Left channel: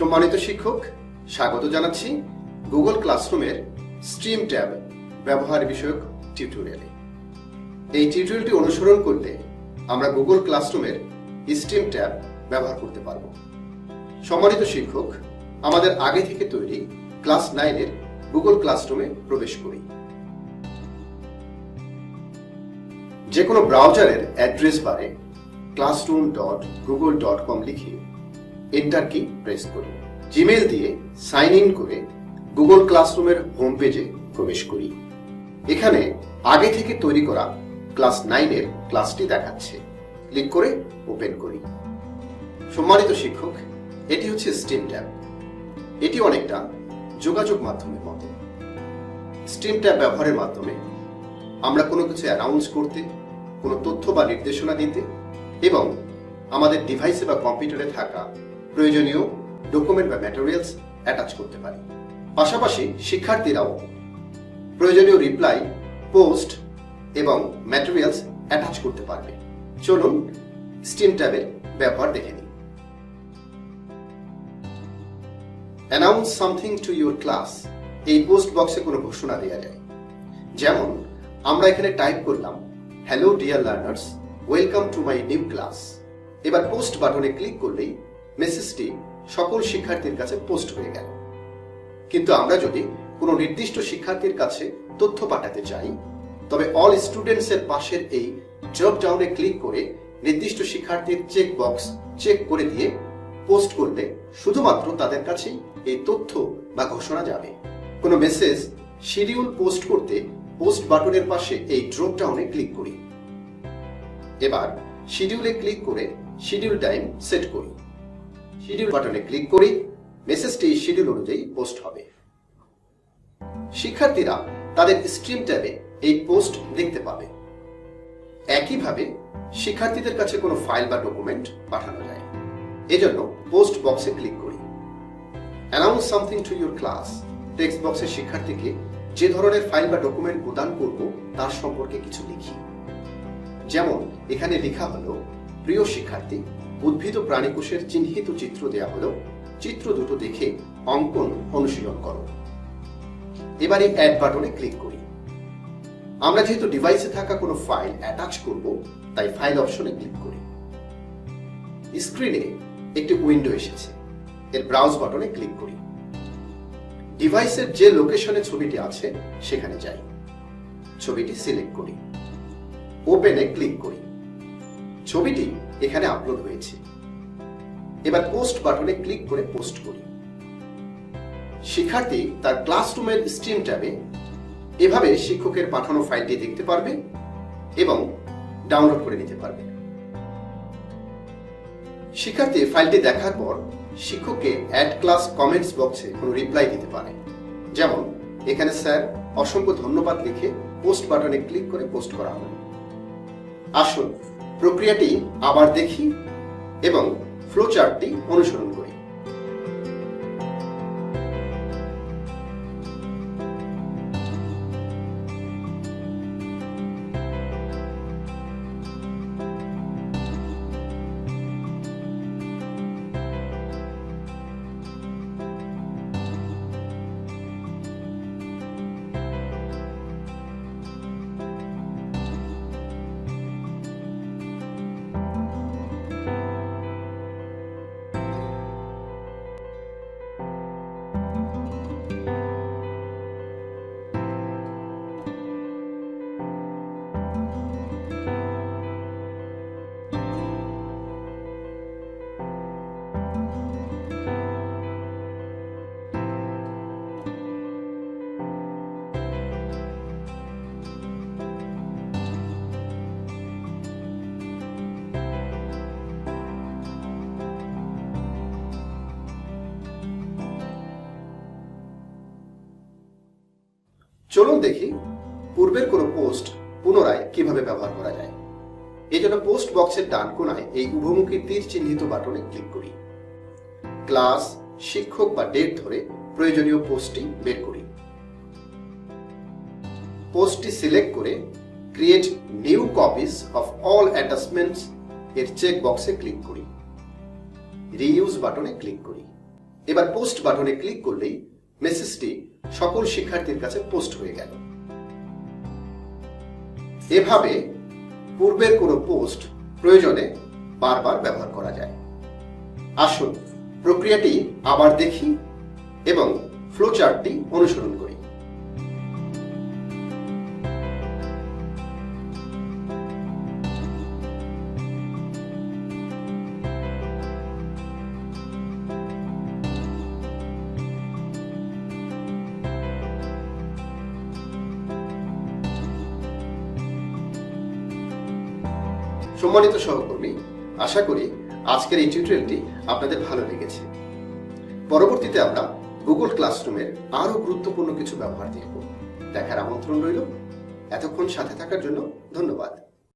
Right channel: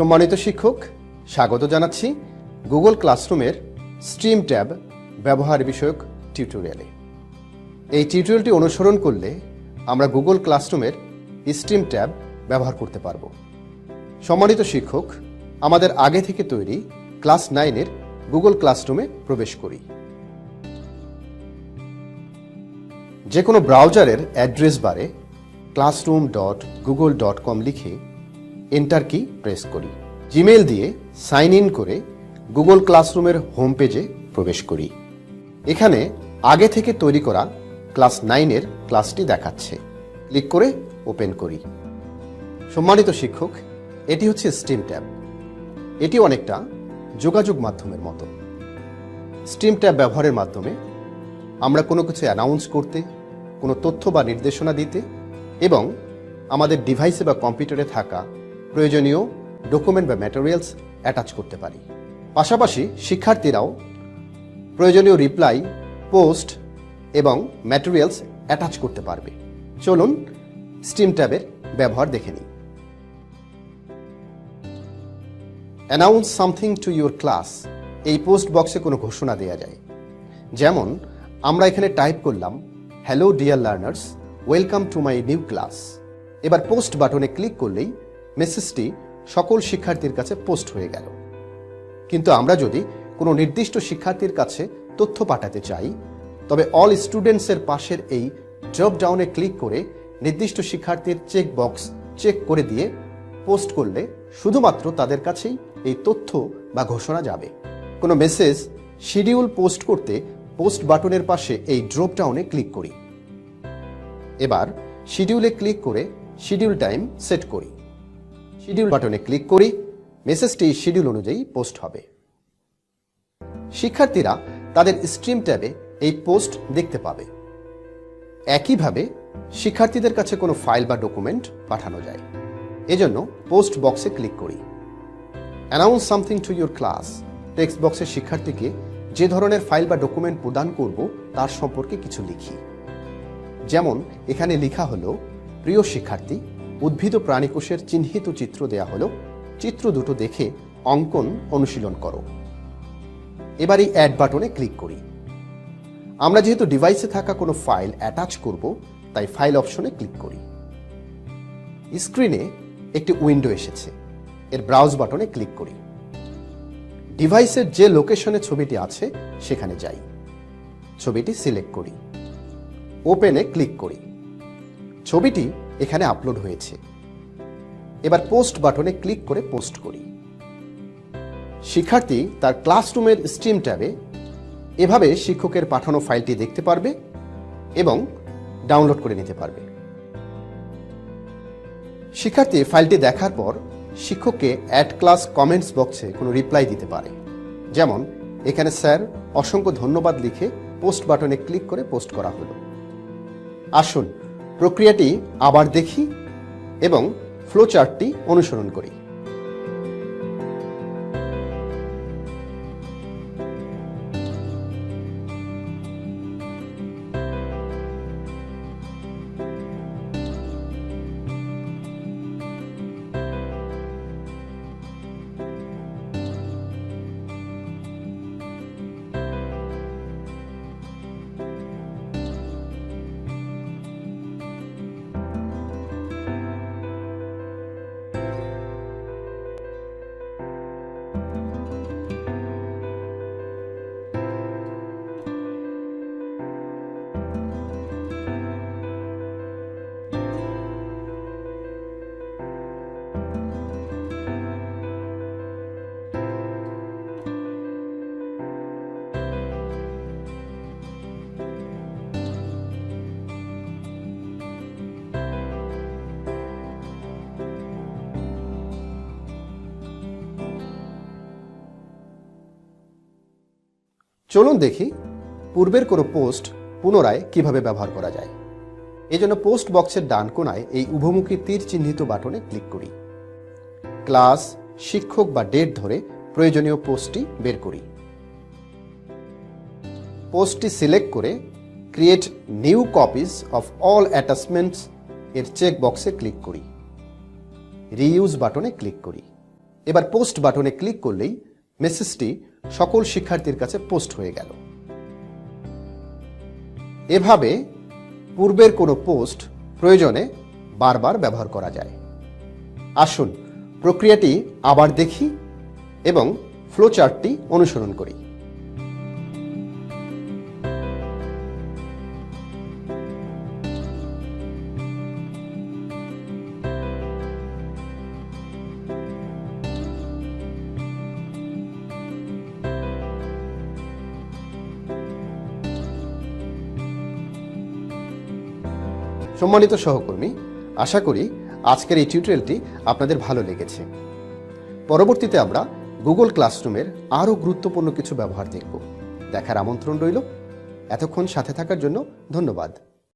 সম্মানিত শিক্ষক, স্বাগত জানাচ্ছি গুগল ক্লাসরুমের স্ট্রিম ট্যাব ব্যবহার বিষয়ক টিউটোরিয়ালে। এই টিউটোরিয়ালটি অনুসরণ করলে আমরা গুগল ক্লাসরুমের স্ট্রিম ট্যাব ব্যবহার করতে পারব। সম্মানিত শিক্ষক, আমাদের আগে থেকে তৈরি ক্লাস 9-এর গুগল ক্লাসরুমে প্রবেশ করি। যে কোনো ব্রাউজারের অ্যাড্রেস বারে classroom.google.com লিখে এন্টার কি প্রেস করি। জিমেইল দিয়ে সাইন ইন করে গুগল ক্লাসরুমের হোম পেজে প্রবেশ করি। এখানে আগে থেকে তৈরি করা ক্লাস 9-এর ক্লাসটি দেখাচ্ছে। ক্লিক করে ওপেন করি। সম্মানিত শিক্ষক, এটি হচ্ছে স্ট্রিম ট্যাব। এটি অনেকটা যোগাযোগ মাধ্যমের মতো। স্ট্রিম ট্যাব ব্যবহারের মাধ্যমে আমরা কোনো কিছু অ্যানাউন্স করতে, কোনো তথ্য বা নির্দেশনা দিতে এবং আমাদের ডিভাইসে বা কম্পিউটারে থাকা প্রয়োজনীয় ডকুমেন্ট বা ম্যাটেরিয়ালস অ্যাটাচ করতে পারি। পাশাপাশি শিক্ষার্থীরাও প্রয়োজনীয় রিপ্লাই, পোস্ট এবং ম্যাটেরিয়ালস অ্যাটাচ করতে পারবে। চলুন স্ট্রিম ট্যাবের ব্যবহার দেখে নিই। Announce something to your class, এই পোস্ট বক্সে কোনো ঘোষণা দেওয়া যায়। যেমন আমরা এখানে টাইপ করলাম, hello dear learners, welcome to my new class. এবার পোস্ট বাটনে ক্লিক করলেই মেসেজটি সকল শিক্ষার্থীর কাছে পোস্ট হয়ে গেল। কিন্তু আমরা যদি কোনো নির্দিষ্ট শিক্ষার্থীর কাছে তথ্য পাঠাতে চাই, তবে অল স্টুডেন্টসের পাশের এই ড্রপ ডাউনে ক্লিক করে নির্দিষ্ট শিক্ষার্থীর চেক বক্স চেক করে দিয়ে পোস্ট করলে শুধুমাত্র তাদের কাছেই এই তথ্য বা ঘোষণা যাবে। কোনো মেসেজ শিডিউল পোস্ট করতে পোস্ট বাটনের পাশে এই ড্রপ ডাউনে ক্লিক করি। এবার শিডিউলে ক্লিক করে শিডিউল টাইম সেট করি। শিডিউল বাটনে ক্লিক করি, মেসেজটি শিডিউল অনুযায়ী পোস্ট হবে। শিক্ষার্থীরা তাদের স্ট্রিম ট্যাবে এই পোস্ট দেখতে পাবে। একইভাবে শিক্ষার্থীদের কাছে কোনো ফাইল বা ডকুমেন্ট পাঠানো যায়। এজন্য পোস্ট বক্সে ক্লিক করি। Announce something to your class text বক্সে শিক্ষার্থীকে যে ধরনের ফাইল বা ডকুমেন্ট প্রদান করব তার সম্পর্কে কিছু লিখি। যেমন এখানে লেখা হলো, প্রিয় শিক্ষার্থী, উদ্ভিদ ও প্রাণীকোষের চিহ্নিত চিত্র দেয়া হলো, চিত্র দুটো দেখে অঙ্কন অনুশীলন করো। এবার এই অ্যাড বাটনে ক্লিক করি। আমরা যেহেতু ডিভাইসে থাকা কোনো ফাইল অ্যাটাচ করব, তাই ফাইল অপশনে ক্লিক করি। স্ক্রিনে একটি উইন্ডো এসেছে। এর ব্রাউজ বাটনে ক্লিক করি। ডিভাইসের যে লোকেশনে ছবিটি আছে সেখানে যাই। ছবিটি সিলেক্ট করি। ওপেনে ক্লিক করি। ছবিটি এখানে আপলোড হয়েছে। এবার পোস্ট বাটনে ক্লিক করে পোস্ট করি। শিক্ষার্থী তার ক্লাসরুমের স্ট্রিম ট্যাবে এভাবে শিক্ষকের পাঠানো ফাইলটি দেখতে পারবে এবং ডাউনলোড করে নিতে পারবে। শিক্ষার্থী ফাইলটি দেখার পর শিক্ষককে অ্যাড ক্লাস কমেন্টস বক্সে কোনো রিপ্লাই দিতে পারে। যেমন এখানে স্যার অসংখ্য ধন্যবাদ লিখে পোস্ট বাটনে ক্লিক করে পোস্ট করা হলো। আসুন প্রক্রিয়াটি আবার দেখি এবং ফ্লো চার্টটি অনুসরণ করি। চলুন দেখি পূর্বের কোনো পোস্ট পুনরায় কিভাবে ব্যবহার করা যায়। এই জন্য পোস্ট বক্সের ডান কোণায় এই উভমুখী তীর চিহ্নিত বাটনে ক্লিক করি। ক্লাস, শিক্ষক বা ডেট ধরে প্রয়োজনীয় পোস্টটি বের করি। পোস্টটি সিলেক্ট করে create new copies of all অ্যাটাচমেন্টস এর চেক বক্সে ক্লিক করি। রিইউজ বাটনে ক্লিক করি। এবার পোস্ট বাটনে ক্লিক করলেই মেসেজটি সকল শিক্ষার্থীর কাছে পোস্ট হয়ে গেল। এভাবে পূর্বের কোনো পোস্ট প্রয়োজনে বারবার ব্যবহার করা যায়। আসুন প্রক্রিয়াটি আবার দেখি এবং ফ্লো চার্টটি অনুসরণ করি। সম্মানিত সহকর্মী, আশা করি আজকের এই টিউটোরিয়ালটি আপনাদের ভালো লেগেছে। পরবর্তীতে আমরা গুগল ক্লাসরুমের আরও গুরুত্বপূর্ণ কিছু ব্যবহার দেখব। দেখার আমন্ত্রণ রইল। এতক্ষণ সাথে থাকার জন্য ধন্যবাদ।